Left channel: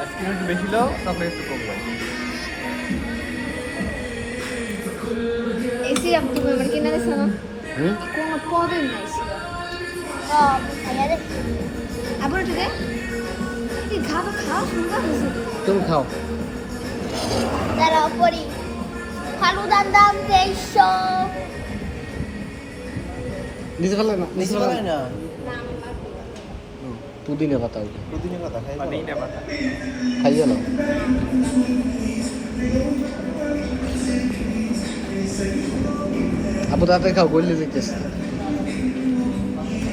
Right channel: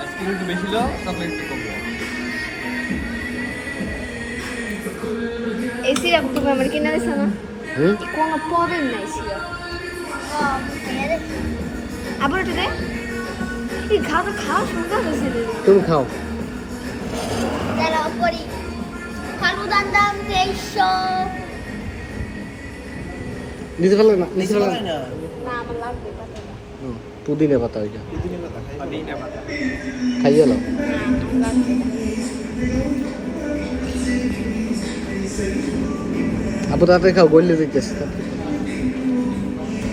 Ice cream একটু বেশি দাও, তারপরে একটু কম দাও। এসি আপনি আমার কিনা আছে না? কোনো দিন নেই আবার দিলে তুই খাও সুন্দর হয়েছে তুমি খাও। দাঁড়াও পরি ফালুদার দাম 2300 নিতে পারলে না? নিতে পারে না। না আমার লাগবে না। পুদিনা পাতা ওইটা পুদিনা পাতা খাইয়ে না। আপু তাতে খাও, বললে যেতেছে।